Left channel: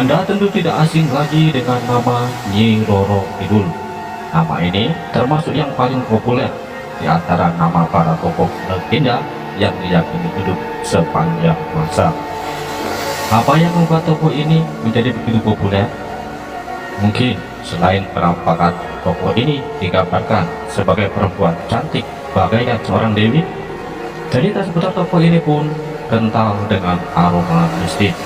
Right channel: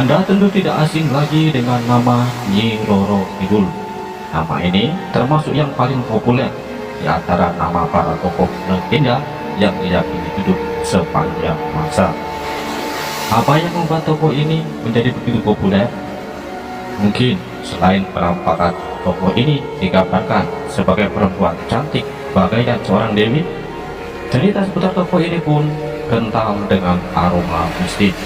Anda tentu tidak asing lagi dengan nama Nyi Roro Kidul. Nama ini termasuk yang paling populer di antara nama para tokoh legenda yang diyakini hidup sepanjang masa. Apa yang membuat tokoh ini menjadi begitu populer? Mungkin selain penampakan tokoh ini digambarkan sebagai perempuan cantik bagaikan seorang dewi, cerita seputar tokoh ini pun kental dengan aroma mistis.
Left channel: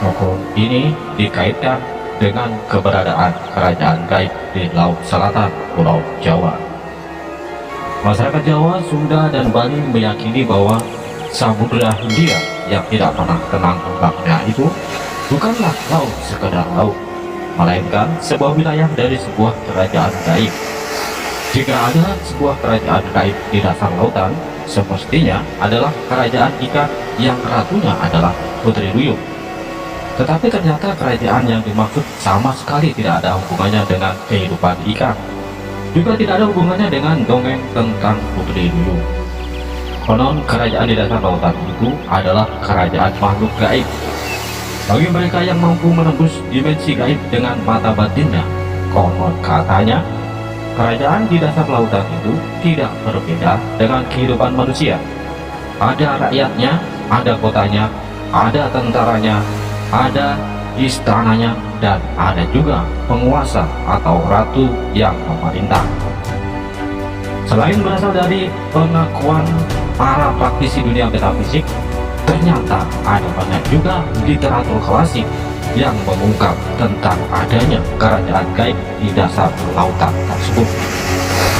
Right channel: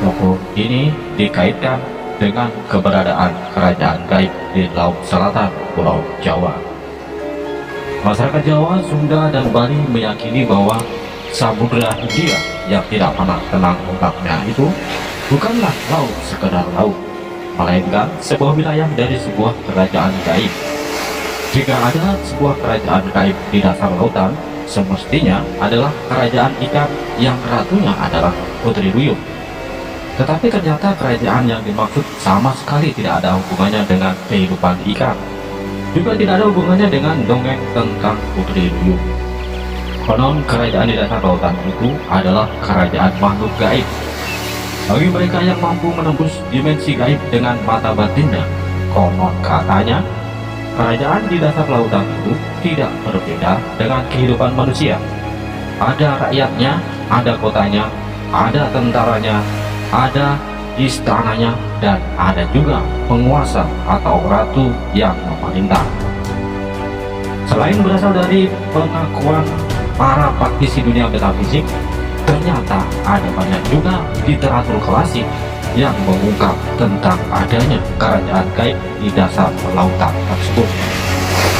Tokoh ini dikaitkan dengan keberadaan kerajaan gaib di Laut Selatan Pulau Jawa. Masyarakat Jawa, Sunda, dan Bali meyakini bahwa Samudra Hindia yang tidak pernah tenang ombaknya itu bukanlah laut sekedar laut, melainkan sebuah wilayah dari sebuah kerajaan gaib. Jika ada sebuah kerajaan gaib di dasar lautan, semestinya adalah kerajaan ikan yang ratunya adalah Putri Duyung. Tetapi ternyata kerajaan yang dimaksud sama sekali tidak ada hubungannya dengan kehidupan ikan. Juga tidak ada hubungannya dengan dongeng tentang Putri Duyung. Konon kerajaan di dasar lautan itu adalah kerajaan makhluk gaib. Bagi mereka yang mampu menembus dimensi gaib dengan mata batinnya, konon katanya kerajaan di dasar lautan itu tidak berbeda dengan kehidupan manusia. Ada rakyatnya, ada kotanya, ada tentaranya, ada istananya, dan ada juga penguasa atau ratu yang memerintah. Selain berasal dari pengakuan para praktisi dunia metafisik, ternyata ada banyak juga literatur klasik yang mengungkap tentang adanya kerajaan gaib di dasar lautan tersebut.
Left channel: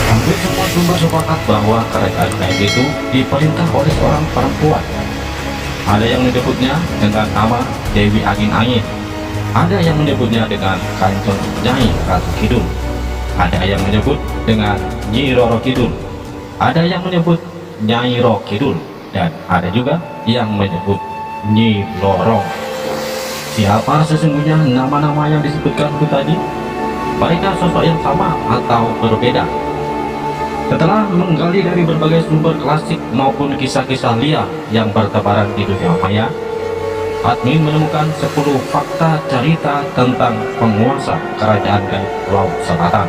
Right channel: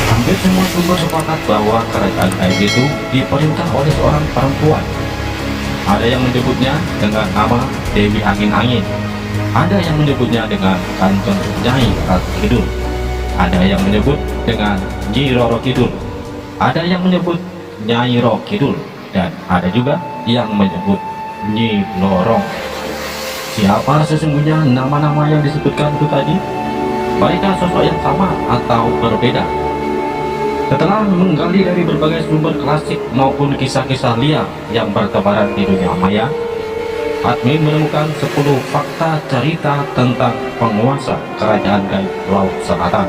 Hampir semua sumber sepakat bahwa kerajaan gaib itu diperintah oleh seorang perempuan. Ada yang menyebutnya dengan nama Dewi Angin-Angin, ada yang menyebutnya dengan Kanjeng Nyai Ratu Kidul, ada yang menyebut dengan Nyi Roro Kidul, ada yang menyebut Nyai Ro Kidul, dan ada juga yang menyebut Nyi Lorong. Siapa sesungguhnya nama-nama yang disebutkan itu tadi? Mereka sosok yang sama atau berbeda? Setelah menggali dari berbagai sumber klasik maupun kisah-kisah liar yang bertebaran di dunia maya, admin menemukan 10 fakta cerita tentang penguasa kerajaan gaib Laut Selatan.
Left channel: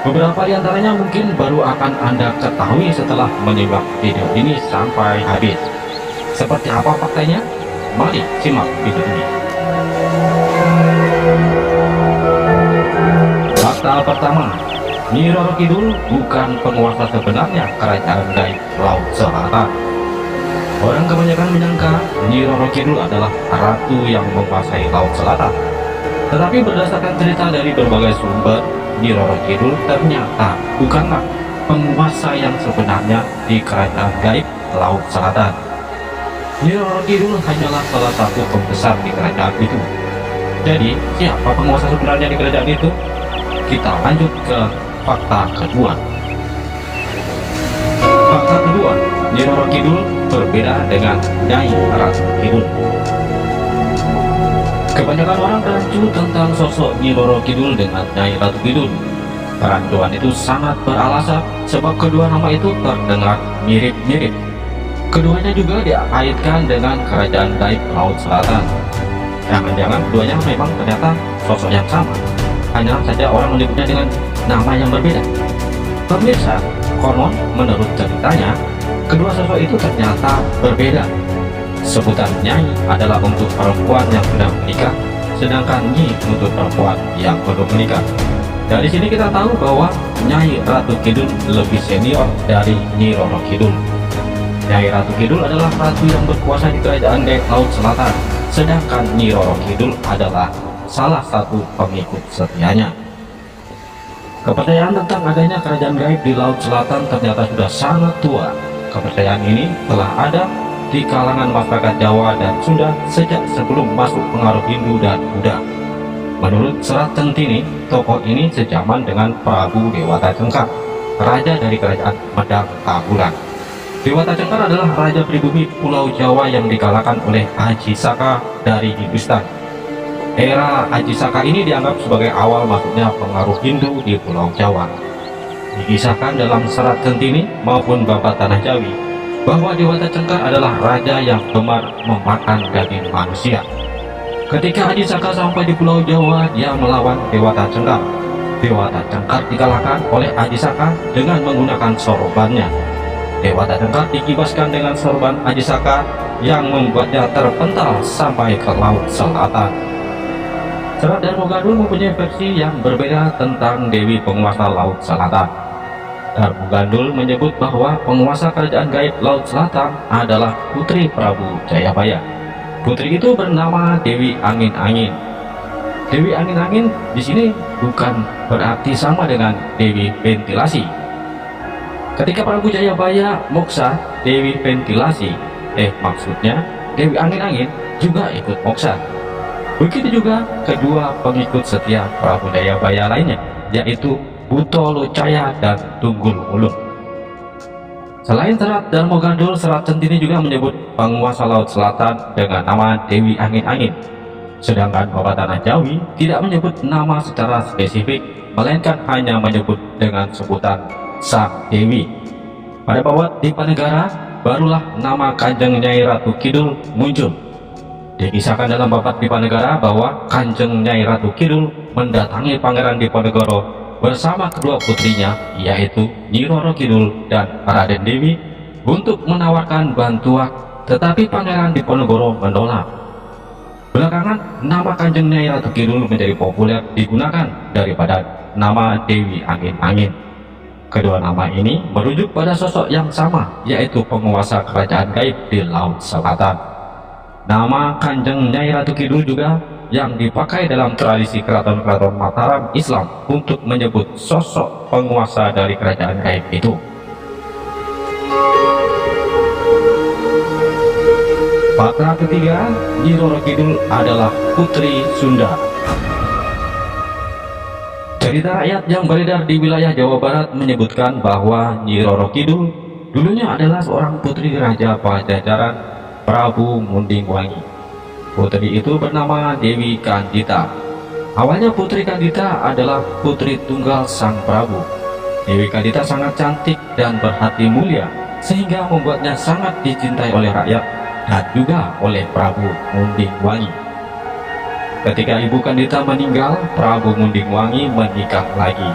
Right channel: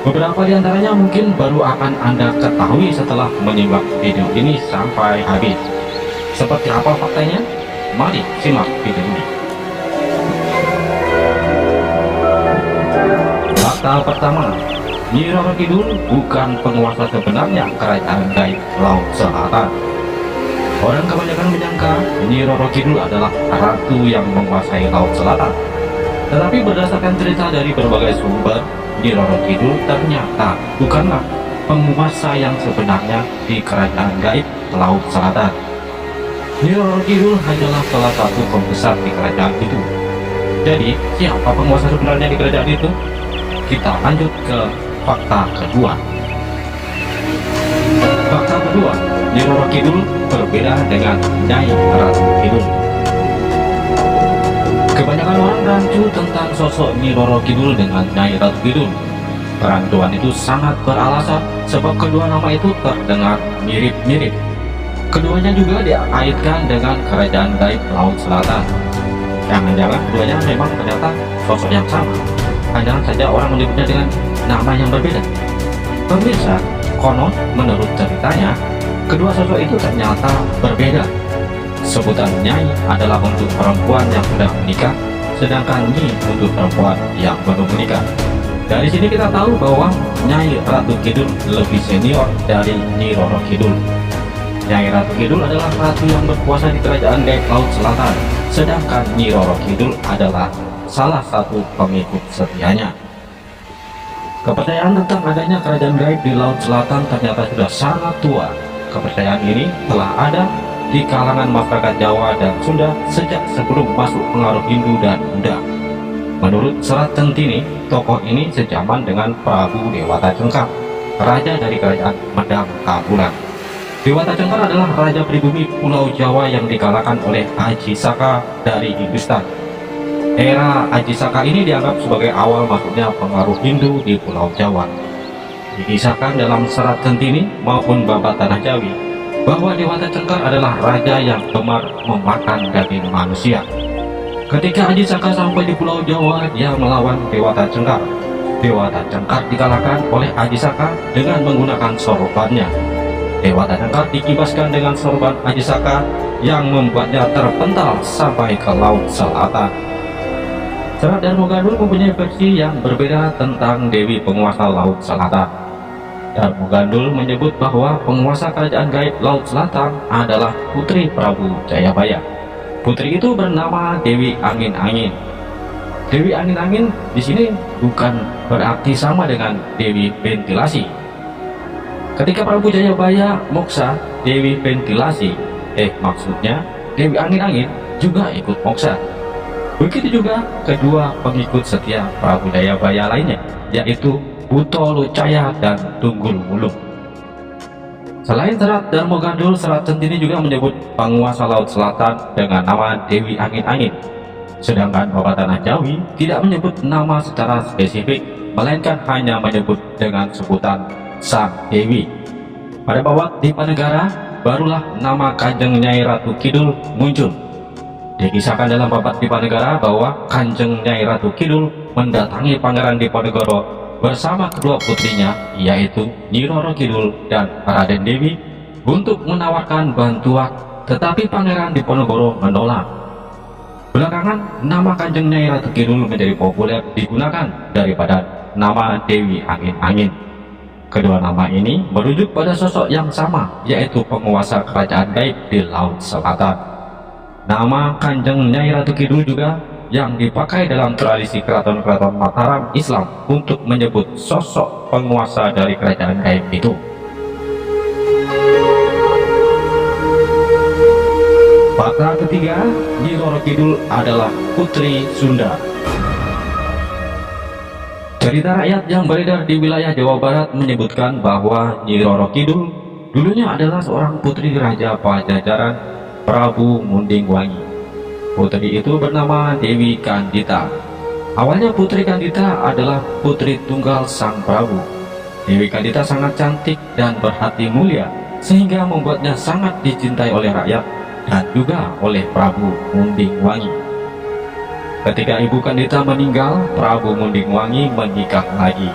Beberapa di antaranya mungkin baru akan Anda ketahui setelah menyimak video ini sampai habis. Seperti apa faktanya? Mari simak video ini. Fakta pertama, Nyi Roro Kidul bukan penguasa sebenarnya kerajaan gaib Laut Selatan. Orang kebanyakan menyangka Nyi Roro Kidul adalah ratu yang menguasai Laut Selatan. Tetapi berdasarkan cerita dari berbagai sumber, Nyi Roro Kidul ternyata bukanlah penguasa yang sebenarnya di kerajaan gaib Laut Selatan. Nyi Roro Kidul hanyalah salah satu pembesar di kerajaan itu. Jadi, siapa penguasa sebenarnya di kerajaan itu? Kita lanjut ke fakta kedua. Fakta kedua, Nyi Roro Kidul berbeda dengan Nyai Ratu Kidul. Kebanyakan orang rancu tentang sosok Nyi Roro Kidul dengan Nyai Ratu Kidul. Perancuan itu sangat beralasan sebab kedua nama itu terdengar mirip-mirip. Keduanya juga dikaitkan dengan kerajaan gaib Laut Selatan. Jangan-jangan keduanya memang ternyata sosok yang sama, hanya saja orang menyebutnya dengan nama yang berbeda. Pemirsa, konon menurut ceritanya, kedua sosok itu ternyata berbeda. Sebutan Nyai adalah untuk perempuan yang sudah menikah, sedangkan Nyi untuk perempuan yang belum menikah. Dari sini kita tahu bahwa Nyai Ratu Kidul lebih senior dari Nyi Roro Kidul. Nyai Ratu Kidul adalah ratu yang berkuasa di kerajaan gaib Laut Selatan, sedangkan Nyi Roro Kidul adalah salah satu pengikut setianya. Kepercayaan tentang adanya kerajaan gaib di Laut Selatan ternyata sudah sangat tua. Kepercayaan ini telah ada di kalangan masyarakat Jawa dan Sunda sejak sebelum masuk pengaruh Hindu dan Buddha. Menurut Serat Centini, tokoh ini sejaman dengan Prabu Dewata Cengkar, raja dari kerajaan Medang Tabulan. Dewata Cengkar adalah raja pribumi Pulau Jawa yang dikalahkan oleh Aji Saka dari Hindustan. Era Aji Saka ini dianggap sebagai awal masuknya pengaruh Hindu di Pulau Jawa. Dikisahkan dalam Serat Centini maupun Babat Tanah Jawi bahwa Dewata Cengkar adalah raja yang gemar memakan daging manusia. Ketika Ajisaka sampai di Pulau Jawa, dia melawan Dewata Cengkar. Dewata Cengkar dikalahkan oleh Ajisaka dengan menggunakan sorbannya. Dewata Cengkar dikibaskan dengan sorban Ajisaka yang membuatnya terpental sampai ke Laut Selatan. Serat Darmogandul mempunyai versi yang berbeda tentang Dewi penguasa Laut Selatan. Darmogandul menyebut bahwa penguasa kerajaan gaib Laut Selatan adalah putri Prabu Jayabaya. Putri itu bernama Dewi Angin-Angin. Dewi Angin-Angin di sini bukan berarti sama dengan Dewi Ventilasi. Ketika Prabu Jayabaya moksa, Dewi Ventilasi, maksudnya Dewi Angin-Angin juga ikut moksa. Begitu juga kedua pengikut setia Prabu Jayabaya lainnya, yaitu Buto Lucaya dan Tunggul Wulung. Selain Serat Darmogandul, Serat Centini juga menyebut penguasa Laut Selatan dengan nama Dewi Angin-Angin. Sedangkan Babat Tanah Jawi tidak menyebut nama secara spesifik, melainkan hanya menyebut dengan sebutan Sang Dewi. Pada Babat Dipanegara, barulah nama Kanjeng Nyai Ratu Kidul muncul. Dikisahkan dalam Babat Dipanegara bahwa Kanjeng Nyai Ratu Kidul mendatangi Pangeran Diponegoro bersama kedua putrinya, yaitu Nyi Roro Kidul dan Raden Dewi, untuk menawarkan bantuan, tetapi Pangeran Diponegoro menolak. Belakangan, nama Kanjeng Nyai Ratu Kidul menjadi populer digunakan daripada nama Dewi Angin-Angin. Kedua nama ini merujuk pada sosok yang sama, yaitu penguasa kerajaan gaib di Laut Selatan. Nama Kanjeng Nyai Ratu Kidul juga yang dipakai dalam tradisi keraton-keraton Mataram Islam untuk menyebut sosok penguasa dari kerajaan gaib itu. Fakta ketiga, Nyi Roro Kidul adalah putri Sunda. Cerita rakyat yang beredar di wilayah Jawa Barat menyebutkan bahwa Nyi Roro Kidul dulunya adalah seorang putri Raja Pajajaran Prabu Munding Wangi. Putri itu bernama Dewi Kandita. Awalnya Putri Kandita adalah putri tunggal Sang Prabu. Dewi Kandita sangat cantik dan berhati mulia, sehingga membuatnya sangat dicintai oleh rakyat dan juga oleh Prabu Munding Wangi. Ketika Ibu Kandita meninggal, Prabu Munding Wangi menikah lagi.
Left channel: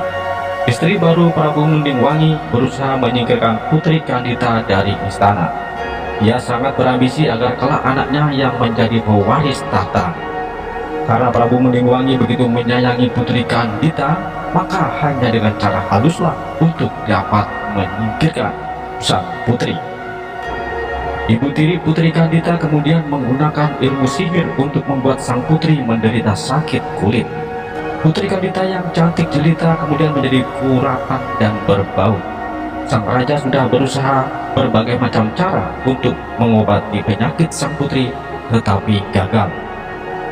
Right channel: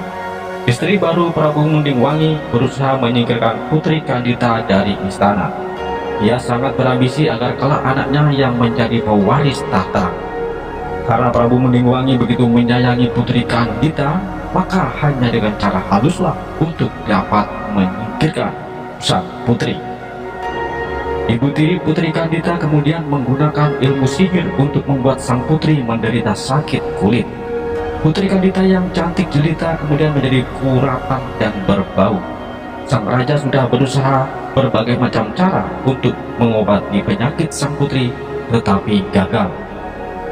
Istri baru Prabu Munding Wangi berusaha menyingkirkan Putri Kandita dari istana. Ia sangat berambisi agar kelak anaknya yang menjadi pewaris tahta. Karena Prabu Munding Wangi begitu menyayangi Putri Kandita, maka hanya dengan cara haluslah untuk dapat menyingkirkan sang putri. Ibu tiri Putri Kandita kemudian menggunakan ilmu sihir untuk membuat sang putri menderita sakit kulit. Putri Kandita yang cantik jelita kemudian menjadi kuratan dan berbau. Sang raja sudah berusaha berbagai macam cara untuk mengobati penyakit sang putri, tetapi gagal.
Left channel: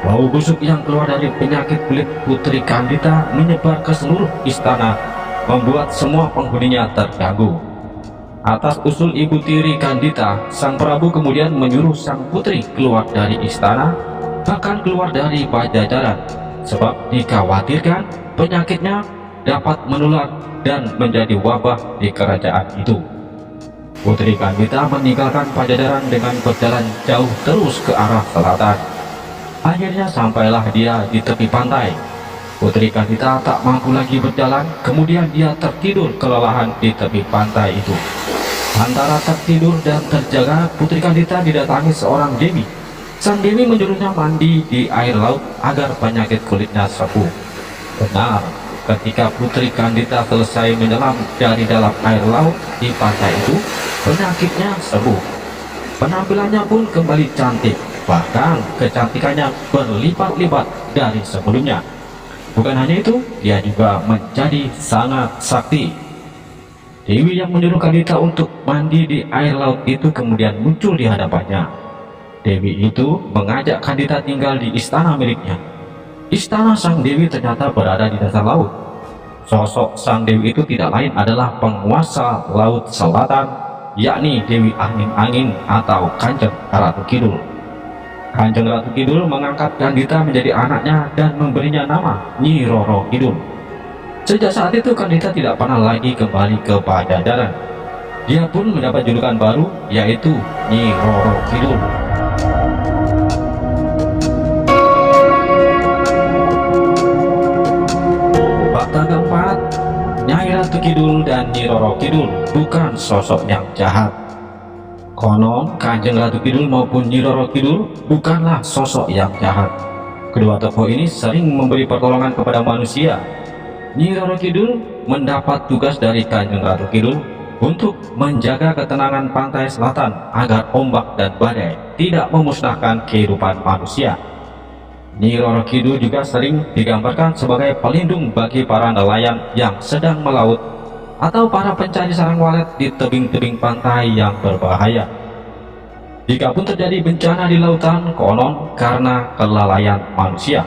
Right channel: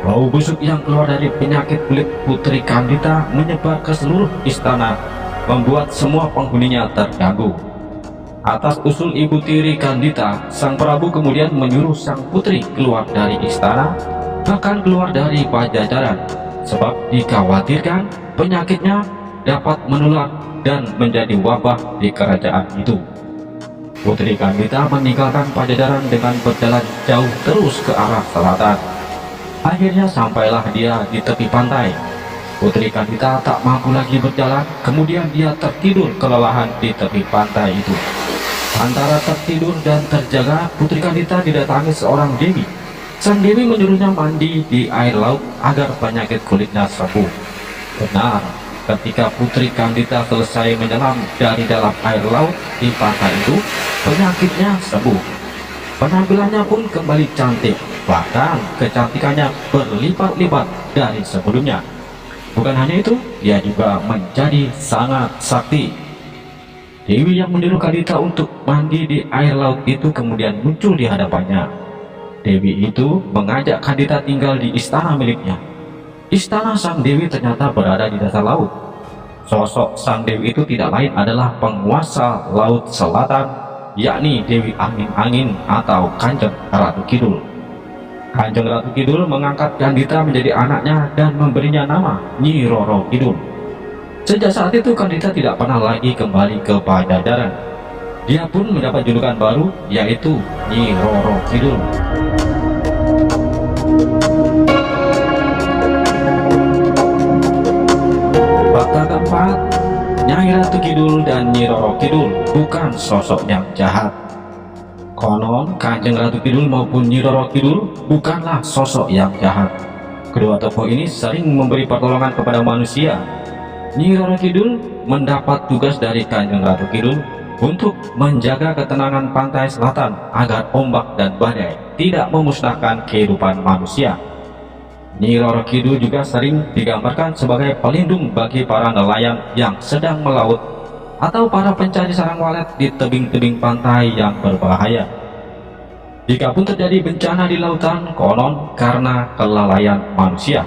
Bau busuk yang keluar dari penyakit kulit Putri Kandita menyebar ke seluruh istana, membuat semua penghuninya terganggu. Atas usul ibu tiri Kandita, sang Prabu kemudian menyuruh sang putri keluar dari istana, bahkan keluar dari Pajajaran, sebab dikhawatirkan penyakitnya dapat menular dan menjadi wabah di kerajaan itu. Putri Kandita meninggalkan Pajajaran dengan berjalan jauh terus ke arah selatan. Akhirnya sampailah dia di tepi pantai. Putri Kandita tak mampu lagi berjalan, kemudian dia tertidur kelelahan di tepi pantai itu. Antara tertidur dan terjaga, Putri Kandita didatangi seorang dewi. Sang dewi menyuruhnya mandi di air laut agar penyakit kulitnya sembuh. Benar, ketika Putri Kandita selesai menyelam dari dalam air laut di pantai itu, penyakitnya sembuh. Penampilannya pun kembali cantik, bahkan kecantikannya berlipat-lipat dari sebelumnya. Bukan hanya itu, dia juga menjadi sangat sakti. Dewi yang menyuruh Kandita untuk mandi di air laut itu kemudian muncul di hadapannya. Dewi itu mengajak Kandita tinggal di istana miliknya. Istana Sang Dewi ternyata berada di dasar laut. Sosok Sang Dewi itu tidak lain adalah penguasa Laut Selatan, yakni Dewi Angin-Angin atau Kanjeng Ratu Kidul. Kanjeng Ratu Kidul mengangkat Kandita menjadi anaknya dan memberinya nama Nyi Roro Kidul. Sejak saat itu Kandita tidak pernah lagi kembali ke Pajajaran. Dia pun mendapat julukan baru, yaitu Nyi Roro Kidul. Fakta keempat, Nyai Ratu Kidul dan Nyi Roro Kidul bukan sosok yang jahat. Konon Kanjeng Ratu Kidul maupun Nyi Roro Kidul bukanlah sosok yang jahat. Kedua tokoh ini sering memberi pertolongan kepada manusia. Nyi Roro Kidul mendapat tugas dari Kanjeng Ratu Kidul untuk menjaga ketenangan pantai selatan agar ombak dan badai tidak memusnahkan kehidupan manusia. Nyi Roro Kidul juga sering digambarkan sebagai pelindung bagi para nelayan yang sedang melaut atau para pencari sarang walet di tebing-tebing pantai yang berbahaya. Jika pun terjadi bencana di lautan, konon karena kelalaian manusia,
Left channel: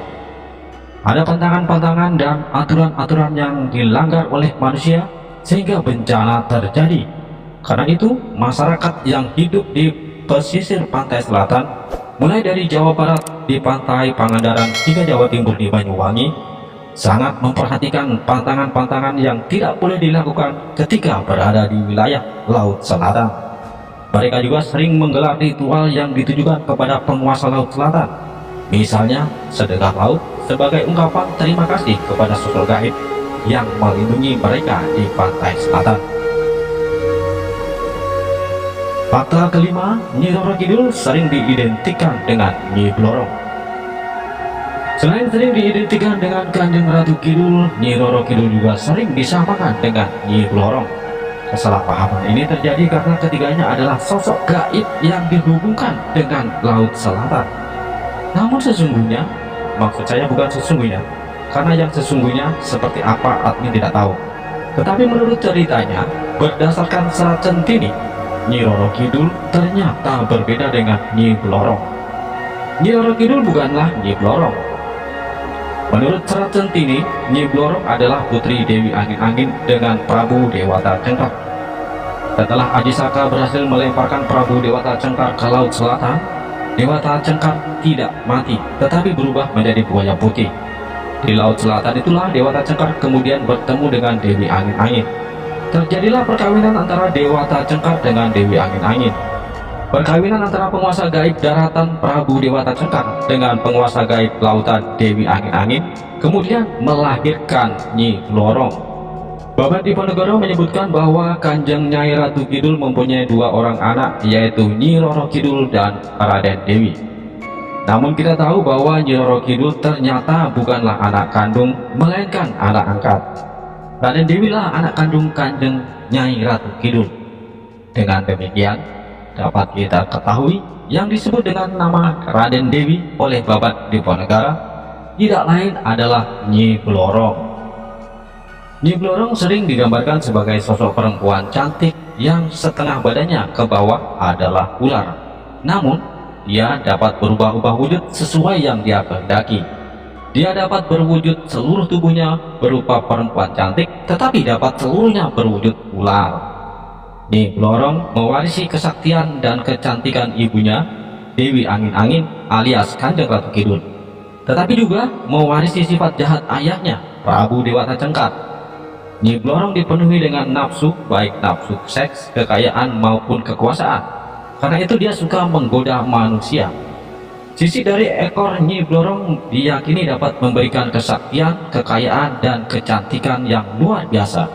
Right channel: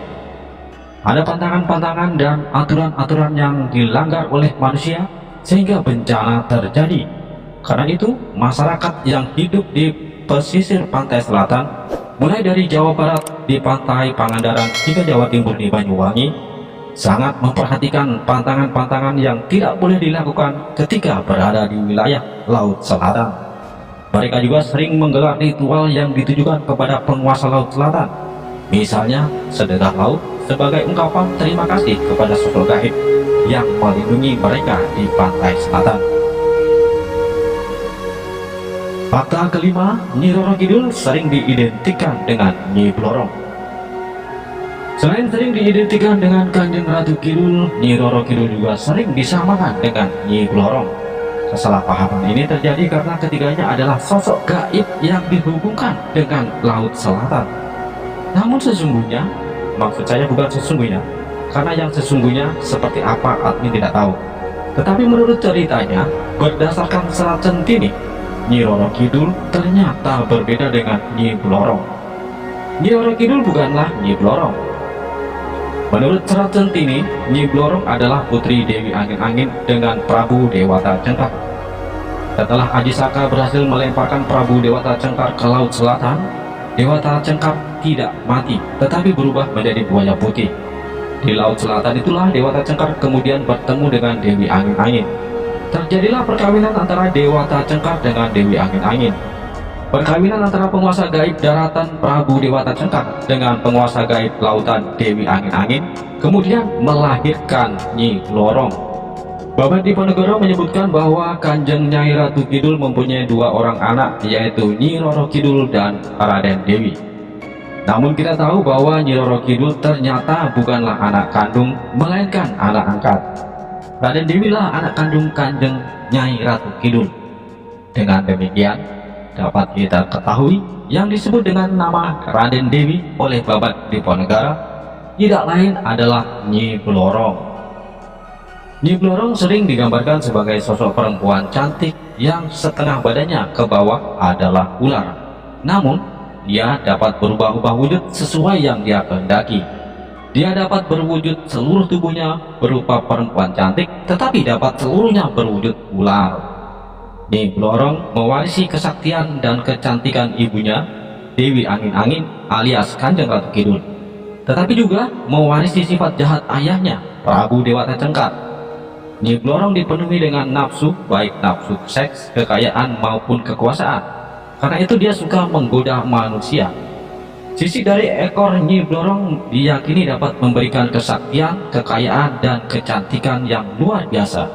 ada pantangan-pantangan dan aturan-aturan yang dilanggar oleh manusia sehingga bencana terjadi. Karena itu, masyarakat yang hidup di pesisir pantai selatan, mulai dari Jawa Barat di pantai Pangandaran hingga Jawa Timur di Banyuwangi, sangat memperhatikan pantangan-pantangan yang tidak boleh dilakukan ketika berada di wilayah Laut Selatan. Mereka juga sering menggelar ritual yang ditujukan kepada penguasa Laut Selatan, misalnya sedekah laut sebagai ungkapan terima kasih kepada sosok gaib yang melindungi mereka di pantai selatan. Fakta kelima, Nyi Roro Kidul sering diidentikan dengan Nyi Blorong. Selain sering diidentikan dengan Kanjeng Ratu Kidul, Nyi Roro Kidul juga sering disamakan dengan Nyi Blorong. Kesalahpahaman ini terjadi karena ketiganya adalah sosok gaib yang dihubungkan dengan Laut Selatan. Namun sesungguhnya, maksud saya bukan sesungguhnya, karena yang sesungguhnya seperti apa admin tidak tahu. Tetapi menurut ceritanya, berdasarkan Serat Centini, Nyi Roro Kidul ternyata berbeda dengan Nyi Blorong. Nyi Roro Kidul bukanlah Nyi Blorong. Menurut Serat Centini, Nyi Blorong adalah putri Dewi Angin-Angin dengan Prabu Dewata Cengkar. Setelah Aji Saka berhasil melemparkan Prabu Dewata Cengkar ke Laut Selatan, Dewata Cengkar tidak mati, tetapi berubah menjadi buaya putih. Di Laut Selatan itulah Dewata Cengkar kemudian bertemu dengan Dewi Angin-Angin. Terjadilah perkawinan antara Dewata Cengkar dengan Dewi Angin-Angin. Perkawinan antara penguasa gaib daratan Prabu Dewata Cengkar dengan penguasa gaib lautan Dewi Angin-Angin kemudian melahirkan Nyi Blorong. Babad Diponegoro menyebutkan bahwa Kanjeng Nyai Ratu Kidul mempunyai dua orang anak, yaitu Nyi Roro Kidul dan Raden Dewi. Namun kita tahu bahwa Nyi Roro Kidul ternyata bukanlah anak kandung, melainkan anak angkat. Raden Dewi lah anak kandung Kanjeng Nyai Ratu Kidul. Dengan demikian, dapat kita ketahui yang disebut dengan nama Raden Dewi oleh Babad Diponegoro tidak lain adalah Nyi Blorong. Nyi Blorong sering digambarkan sebagai sosok perempuan cantik yang setengah badannya ke bawah adalah ular. Namun, dia dapat berubah-ubah wujud sesuai yang dia kehendaki. Dia dapat berwujud seluruh tubuhnya berupa perempuan cantik, tetapi dapat seluruhnya berwujud ular. Nyi Blorong mewarisi kesaktian dan kecantikan ibunya, Dewi Angin-Angin alias Kanjeng Ratu Kidul, tetapi juga mewarisi sifat jahat ayahnya, Prabu Dewata Cengkar. Nyi Blorong dipenuhi dengan nafsu, baik nafsu seks, kekayaan maupun kekuasaan. Karena itu dia suka menggoda manusia. Sisi dari ekor Nyi Blorong diyakini dapat memberikan kesaktian, kekayaan, dan kecantikan yang luar biasa.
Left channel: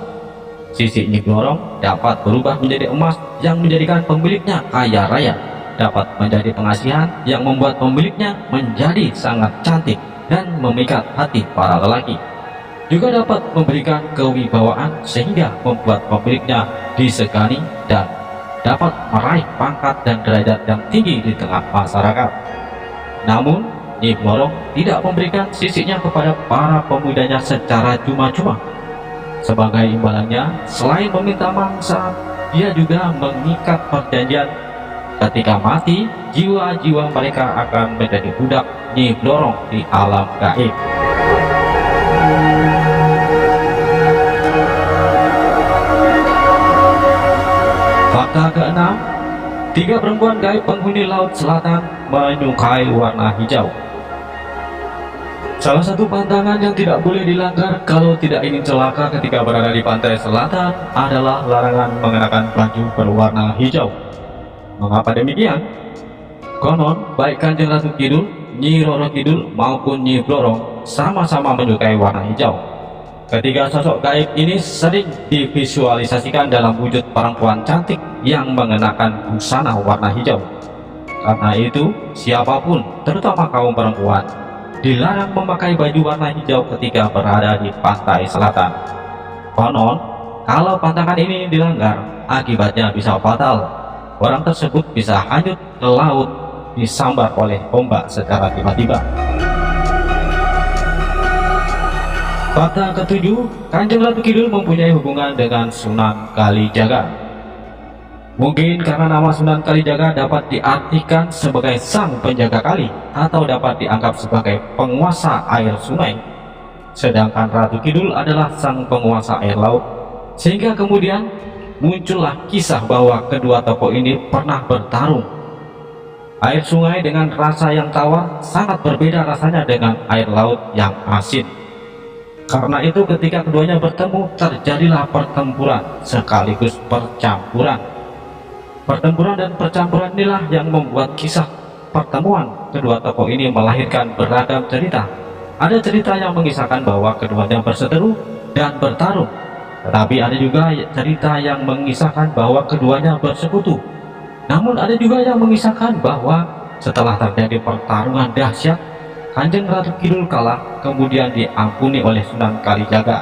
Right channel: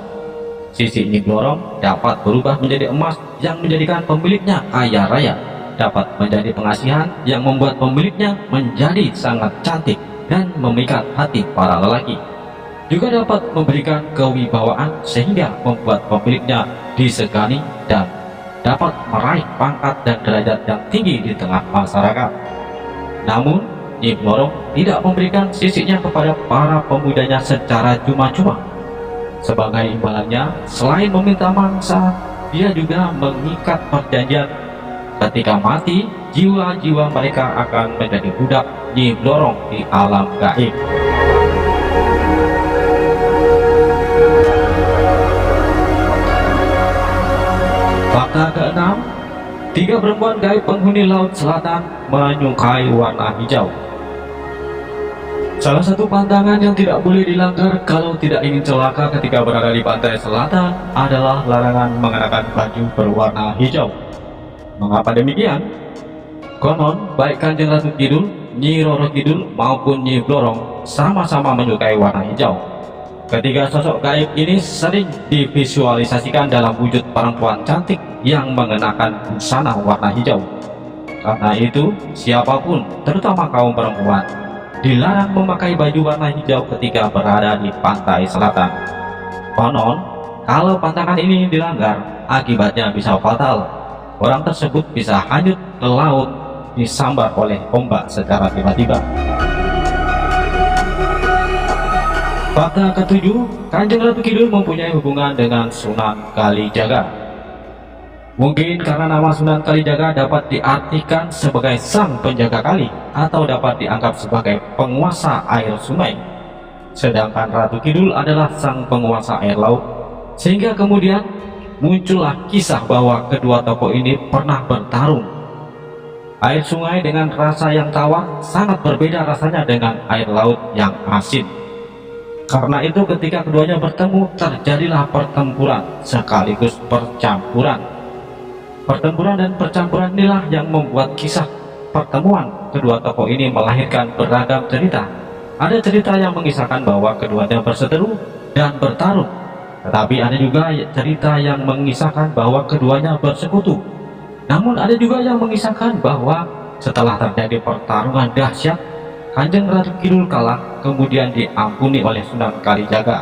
Sisi Nyi Blorong dapat berubah menjadi emas yang menjadikan pemiliknya kaya raya, dapat menjadi pengasihan yang membuat pemiliknya menjadi sangat cantik dan memikat hati para lelaki. Juga dapat memberikan kewibawaan sehingga membuat pemiliknya disegani dan dapat meraih pangkat dan derajat yang tinggi di tengah masyarakat. Namun, Nyi Blorong tidak memberikan sisinya kepada para pemudanya secara cuma-cuma. Sebagai imbalannya, selain meminta mangsa, dia juga mengikat perjanjian ketika mati, jiwa-jiwa mereka akan menjadi budak Nyi Blorong di alam gaib. Fakta keenam, 3 perempuan gaib penghuni Laut Selatan menyukai warna hijau. Salah satu pantangan yang tidak boleh dilanggar kalau tidak ingin celaka ketika berada di pantai selatan adalah larangan mengenakan baju berwarna hijau. Mengapa demikian? Konon, baik Kanjeng Ratu Kidul, Nyi Roro Kidul maupun Nyi Blorong sama-sama menyukai warna hijau. Ketiga sosok gaib ini sering divisualisasikan dalam wujud perempuan cantik yang mengenakan busana warna hijau. Karena itu, siapapun, terutama kaum perempuan, dilarang memakai baju warna hijau ketika berada di pantai selatan. Konon, kalau pantangan ini dilanggar, akibatnya bisa fatal. Orang tersebut bisa hanyut ke laut, disambar oleh ombak secara tiba-tiba. Fakta ketujuh, Kanjeng Ratu Kidul mempunyai hubungan dengan Sunan Kalijaga. Mungkin karena nama Sunan Kalijaga dapat diartikan sebagai sang penjaga kali atau dapat dianggap sebagai penguasa air sungai, sedangkan Ratu Kidul adalah sang penguasa air laut, sehingga kemudian muncullah kisah bahwa kedua tokoh ini pernah bertarung. Air sungai dengan rasa yang tawar sangat berbeda rasanya dengan air laut yang asin. Karena itu ketika keduanya bertemu, terjadilah pertempuran sekaligus percampuran. Pertempuran dan percampuran inilah yang membuat kisah pertemuan kedua tokoh ini melahirkan beragam cerita. Ada cerita yang mengisahkan bahwa keduanya berseteru dan bertarung, tetapi ada juga cerita yang mengisahkan bahwa keduanya bersekutu. Namun ada juga yang mengisahkan bahwa setelah terjadi pertarungan dahsyat, Kanjeng Ratu Kidul kalah, kemudian diampuni oleh Sunan Kalijaga.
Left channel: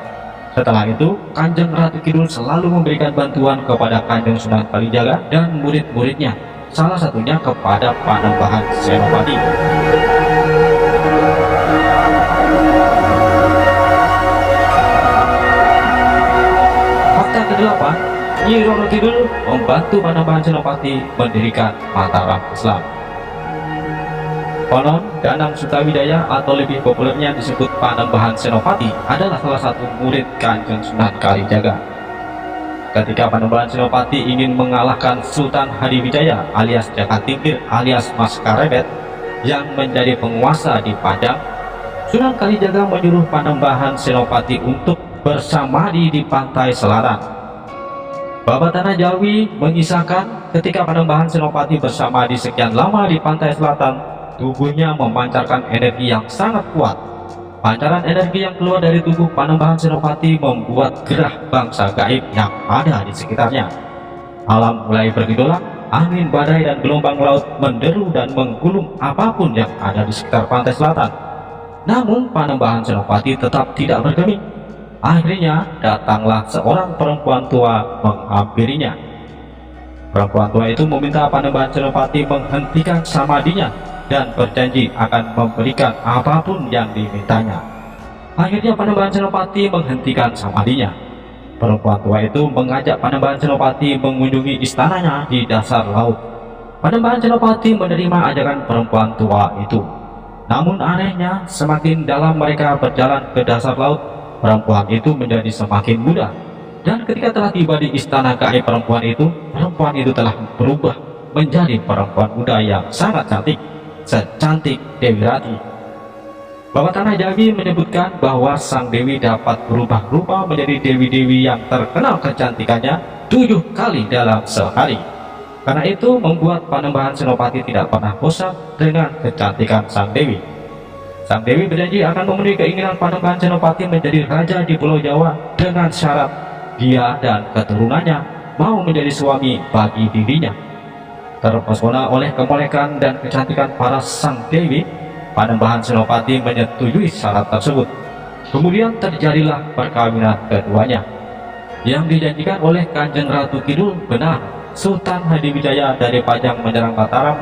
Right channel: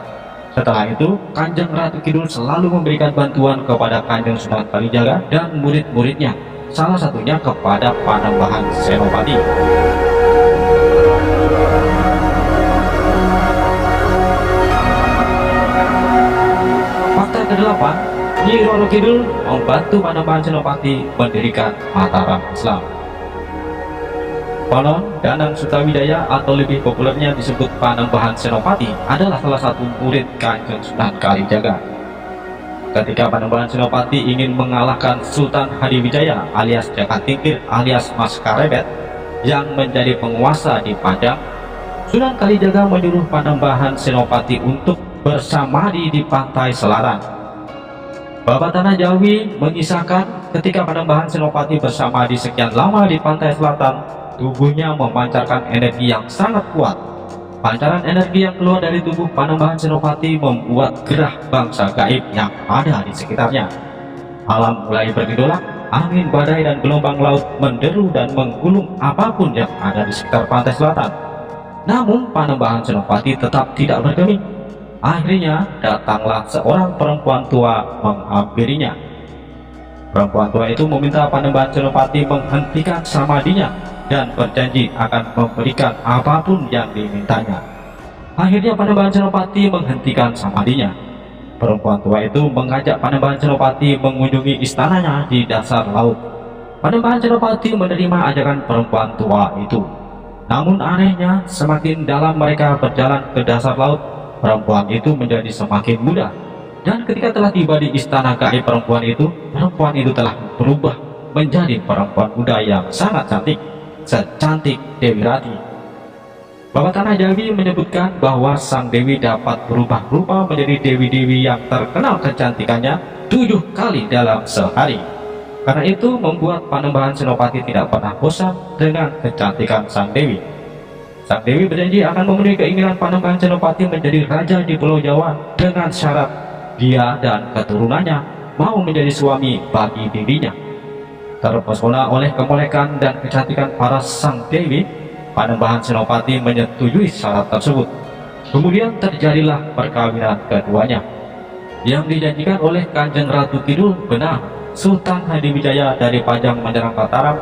Setelah itu, Kanjeng Ratu Kidul selalu memberikan bantuan kepada Kanjeng Sunan Kalijaga dan murid-muridnya, salah satunya kepada Panembahan Senopati. Fakta ke-8, Nyi Roro Kidul membantu Panembahan Senopati mendirikan Mataram Islam. Konon, Danang Sutawijaya atau lebih populernya disebut Panembahan Senopati adalah salah satu murid Kanjeng Sunan Kalijaga. Ketika Panembahan Senopati ingin mengalahkan Sultan Hadiwijaya alias Jakatingkir alias Mas Karebet yang menjadi penguasa di Padang, Sunan Kalijaga menyuruh Panembahan Senopati untuk bersamadi di pantai selatan. Babat Tanah Jawi mengisahkan ketika Panembahan Senopati bersamadi sekian lama di pantai selatan, tubuhnya memancarkan energi yang sangat kuat. Pancaran energi yang keluar dari tubuh Panembahan Senopati membuat gerah bangsa gaib yang ada di sekitarnya. Alam mulai bergejolak, angin badai dan gelombang laut menderu dan menggulung apapun yang ada di sekitar pantai selatan. Namun Panembahan Senopati tetap tidak bergeming. Akhirnya datanglah seorang perempuan tua menghampirinya. Perempuan tua itu meminta Panembahan Senopati menghentikan samadinya dan berjanji akan memberikan apapun yang dimintanya. Akhirnya Panembahan Senopati menghentikan samadinya. Perempuan tua itu mengajak Panembahan Senopati mengunjungi istananya di dasar laut. Panembahan Senopati menerima ajakan perempuan tua itu. Namun anehnya, semakin dalam mereka berjalan ke dasar laut, perempuan itu menjadi semakin muda. Dan ketika telah tiba di istana gaib perempuan itu telah berubah menjadi perempuan muda yang sangat cantik, secantik Dewi Rati. Babat Tanah Jawi menyebutkan bahwa sang Dewi dapat berubah rupa menjadi dewi-dewi yang terkenal kecantikannya 7 kali dalam sehari. Karena itu membuat Panembahan Senopati tidak pernah bosan dengan kecantikan sang Dewi. Sang Dewi berjanji akan memenuhi keinginan Panembahan Senopati menjadi raja di Pulau Jawa dengan syarat dia dan keturunannya mau menjadi suami bagi dirinya. Terpesona oleh kemolekan dan kecantikan para sang Dewi, Panembahan Senopati menyetujui syarat tersebut. Kemudian terjadilah perkawinan keduanya. Yang dijanjikan oleh Kanjeng Ratu Kidul benar. Sultan Hadiwijaya dari Pajang menyerang Mataram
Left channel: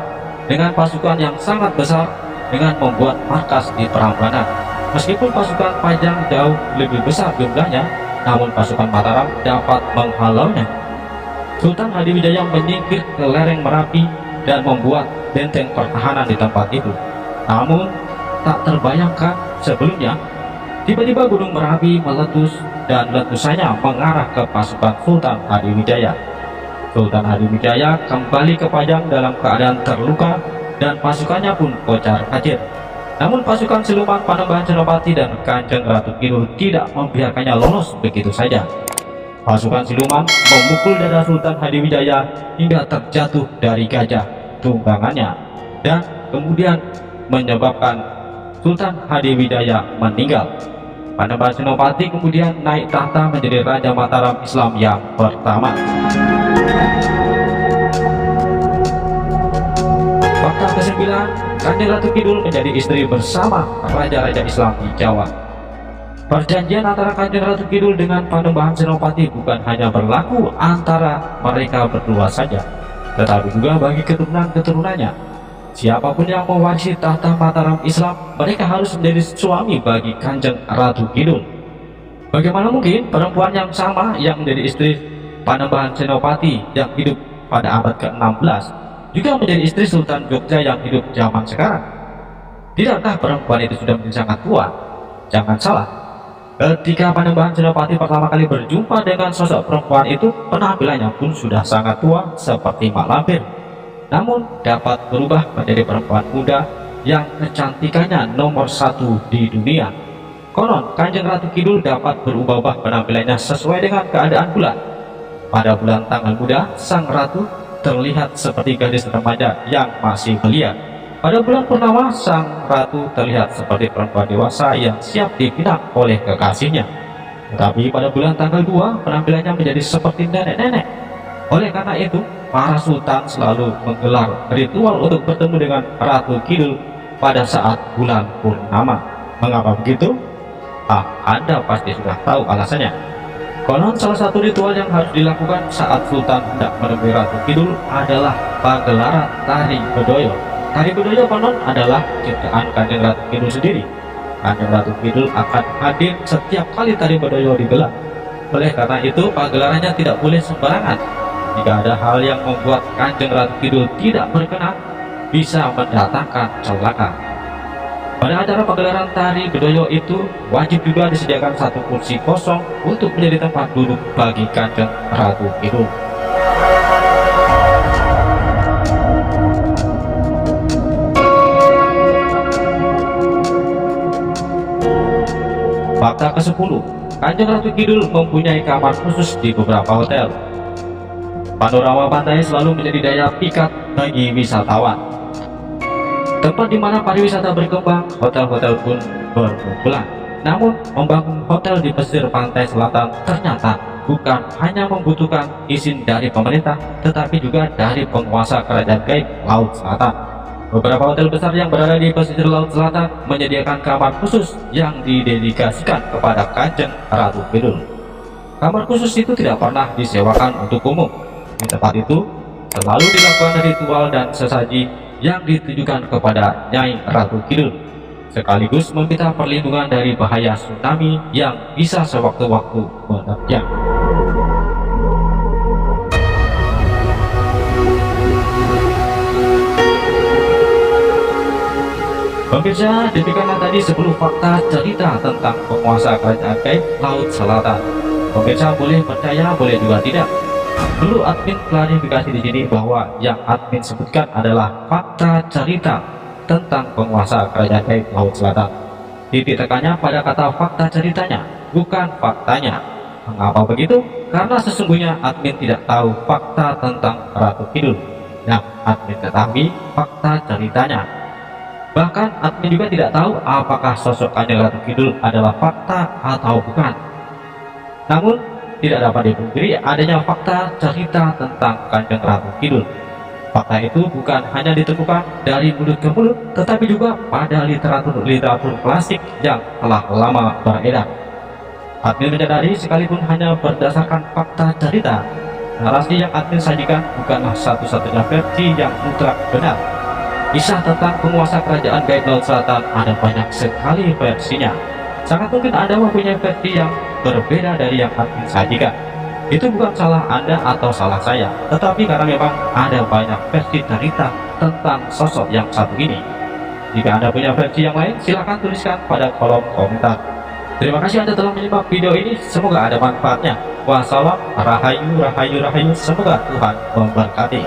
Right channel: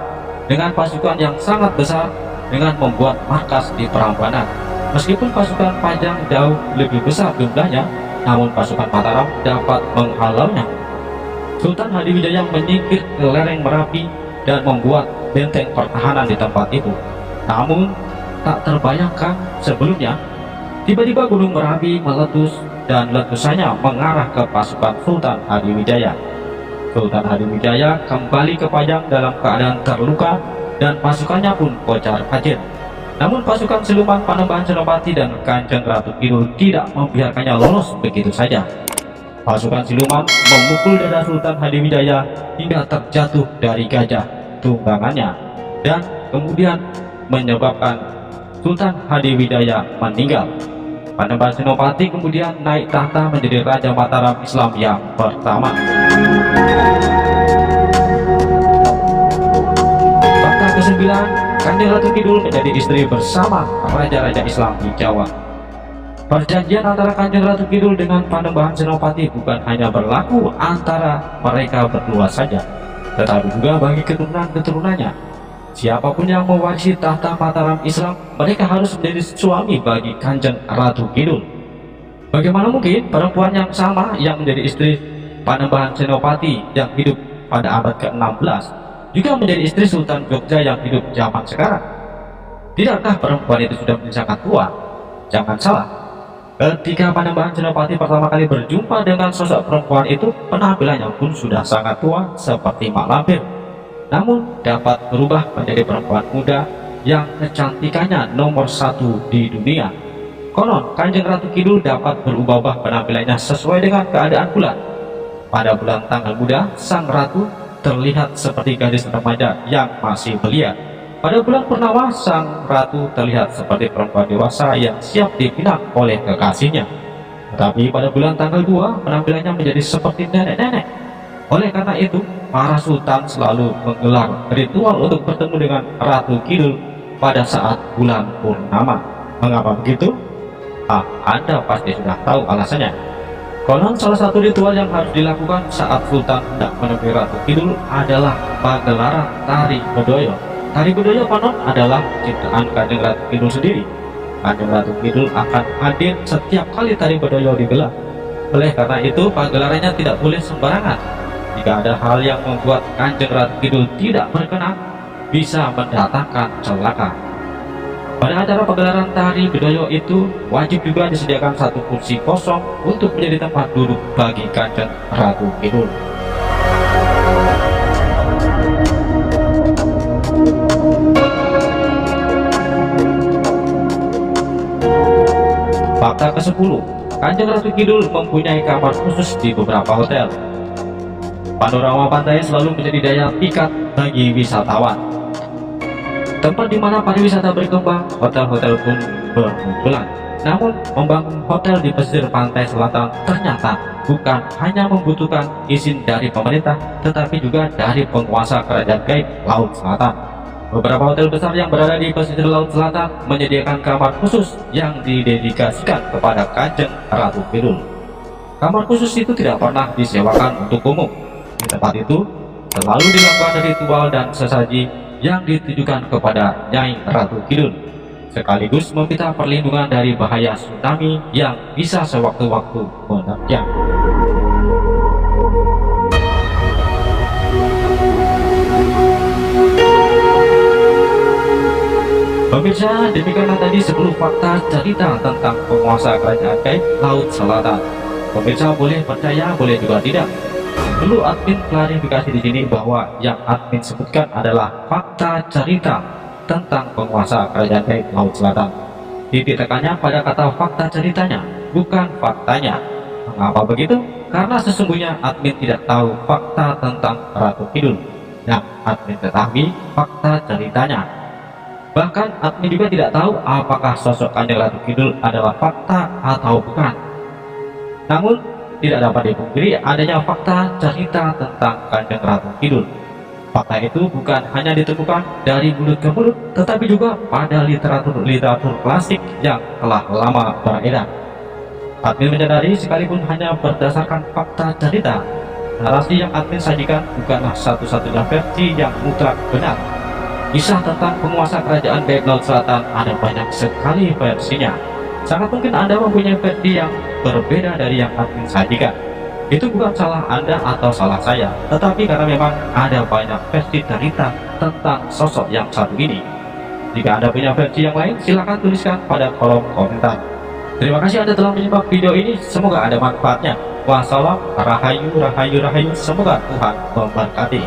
dengan pasukan yang sangat besar dengan membuat markas di Prambanan. Meskipun pasukan Pajang jauh lebih besar jumlahnya, namun pasukan Mataram dapat menghalaunya. Sultan Hadiwijaya menyingkir ke lereng Merapi dan membuat benteng pertahanan di tempat itu. Namun tak terbayangkan sebelumnya, tiba-tiba Gunung Merapi meletus dan letusannya mengarah ke pasukan Sultan Hadiwijaya. Sultan Hadiwijaya kembali ke Pajang dalam keadaan terluka dan pasukannya pun kocar-kacir. Namun pasukan siluman Panembahan Senopati dan Kanjeng Ratu Kidul tidak membiarkannya lolos begitu saja. Pasukan siluman memukul dada Sultan Hadiwijaya hingga terjatuh dari gajah tunggangannya dan kemudian menyebabkan Sultan Hadiwijaya meninggal. Panembahan Senopati kemudian naik tahta menjadi Raja Mataram Islam yang pertama. Fakta ke-9, Kanjeng Ratu Kidul menjadi istri bersama raja-raja Islam di Jawa. Perjanjian antara Kanjeng Ratu Kidul dengan Panembahan Senopati bukan hanya berlaku antara mereka berdua saja, tetapi juga bagi keturunan-keturunannya. Siapapun yang mewarisi tahta Mataram Islam, mereka harus menjadi suami bagi Kanjeng Ratu Kidul. Bagaimana mungkin perempuan yang sama yang menjadi istri Panembahan Senopati yang hidup pada abad ke-16 juga menjadi istri Sultan Jogja yang hidup zaman sekarang? Tidakkah perempuan itu sudah menjadi sangat tua? Jangan salah, ketika Panembahan Senopati pertama kali berjumpa dengan sosok perempuan itu, penampilannya pun sudah sangat tua seperti mak lampir, namun dapat berubah menjadi perempuan muda yang kecantikannya nomor 1 di dunia. Konon Kanjeng Ratu Kidul dapat berubah-ubah penampilannya sesuai dengan keadaan bulan. Pada bulan tanggal muda, sang ratu terlihat seperti gadis remaja yang masih belia. Pada bulan purnama, sang ratu terlihat seperti perempuan dewasa yang siap dipinang oleh kekasihnya. Tetapi pada bulan tanggal 2, penampilannya menjadi seperti nenek-nenek. Oleh karena itu, para sultan selalu menggelar ritual untuk bertemu dengan Ratu Kidul pada saat bulan purnama. Mengapa begitu? Anda pasti sudah tahu alasannya. Konon salah satu ritual yang harus dilakukan saat sultan hendak menemui Ratu Kidul adalah pagelaran tari bedoyo. Tari bedoyo konon adalah ciptaan Kanjeng Ratu Kidul sendiri. Kanjeng Ratu Kidul akan hadir setiap kali tari bedoyo digelar. Oleh karena itu, pagelarannya tidak boleh sembarangan. Jika ada hal yang membuat Kanjeng Ratu Kidul tidak berkenan, bisa mendatangkan celaka. Pada acara pagelaran tari bedoyo itu, wajib juga disediakan satu kursi kosong untuk menjadi tempat duduk bagi Kanjeng Ratu Kidul. Fakta ke-10, Kanjeng Ratu Kidul mempunyai kamar khusus di beberapa hotel. Panorama pantai selalu menjadi daya pikat bagi wisatawan. Tempat di mana pariwisata berkembang, hotel-hotel pun bermunculan. Namun, membangun hotel di pesisir pantai selatan ternyata bukan hanya membutuhkan izin dari pemerintah, tetapi juga dari penguasa kerajaan gaib Laut Selatan. Beberapa hotel besar yang berada di pesisir Laut Selatan menyediakan kamar khusus yang didedikasikan kepada Kanjeng Ratu Kidul. Kamar khusus itu tidak pernah disewakan untuk umum. Di tempat itu selalu dilakukan ritual dan sesaji yang ditujukan kepada Nyai Ratu Kidul, sekaligus meminta perlindungan dari bahaya tsunami yang bisa sewaktu-waktu menerjang. Pemirsa, demikianlah tadi 10 fakta cerita tentang penguasa kerajaan gaib Laut Selatan. Pemirsa boleh percaya, boleh juga tidak. Perlu admin klarifikasi di sini bahwa yang admin sebutkan adalah fakta cerita tentang penguasa kerajaan gaib Laut Selatan. Titik tekannya pada kata fakta ceritanya, bukan faktanya. Mengapa begitu? Karena sesungguhnya admin tidak tahu fakta tentang Ratu Kidul, yang admin ketahui fakta ceritanya. Bahkan admin juga tidak tahu apakah sosok Kanjeng Ratu Kidul adalah fakta atau bukan. Namun tidak dapat dipungkiri adanya fakta cerita tentang Kanjeng Ratu Kidul. Fakta itu bukan hanya ditemukan dari mulut ke mulut, tetapi juga pada literatur klasik yang telah lama beredar. Admin menyadari sekalipun hanya berdasarkan fakta cerita, narasi yang admin sajikan bukanlah satu-satunya versi yang mutlak benar. Kisah tentang penguasa kerajaan gaib Laut Selatan ada banyak sekali versinya. Sangat mungkin Anda mempunyai versi yang berbeda dari yang admin sajikan. Itu bukan salah Anda atau salah saya, tetapi karena memang ada banyak versi cerita tentang sosok yang satu ini. Jika Anda punya versi yang lain, silahkan tuliskan pada kolom komentar. Terima kasih Anda telah menyimak video ini, semoga ada manfaatnya. Wassalam, rahayu, rahayu, rahayu, semoga Tuhan memberkati.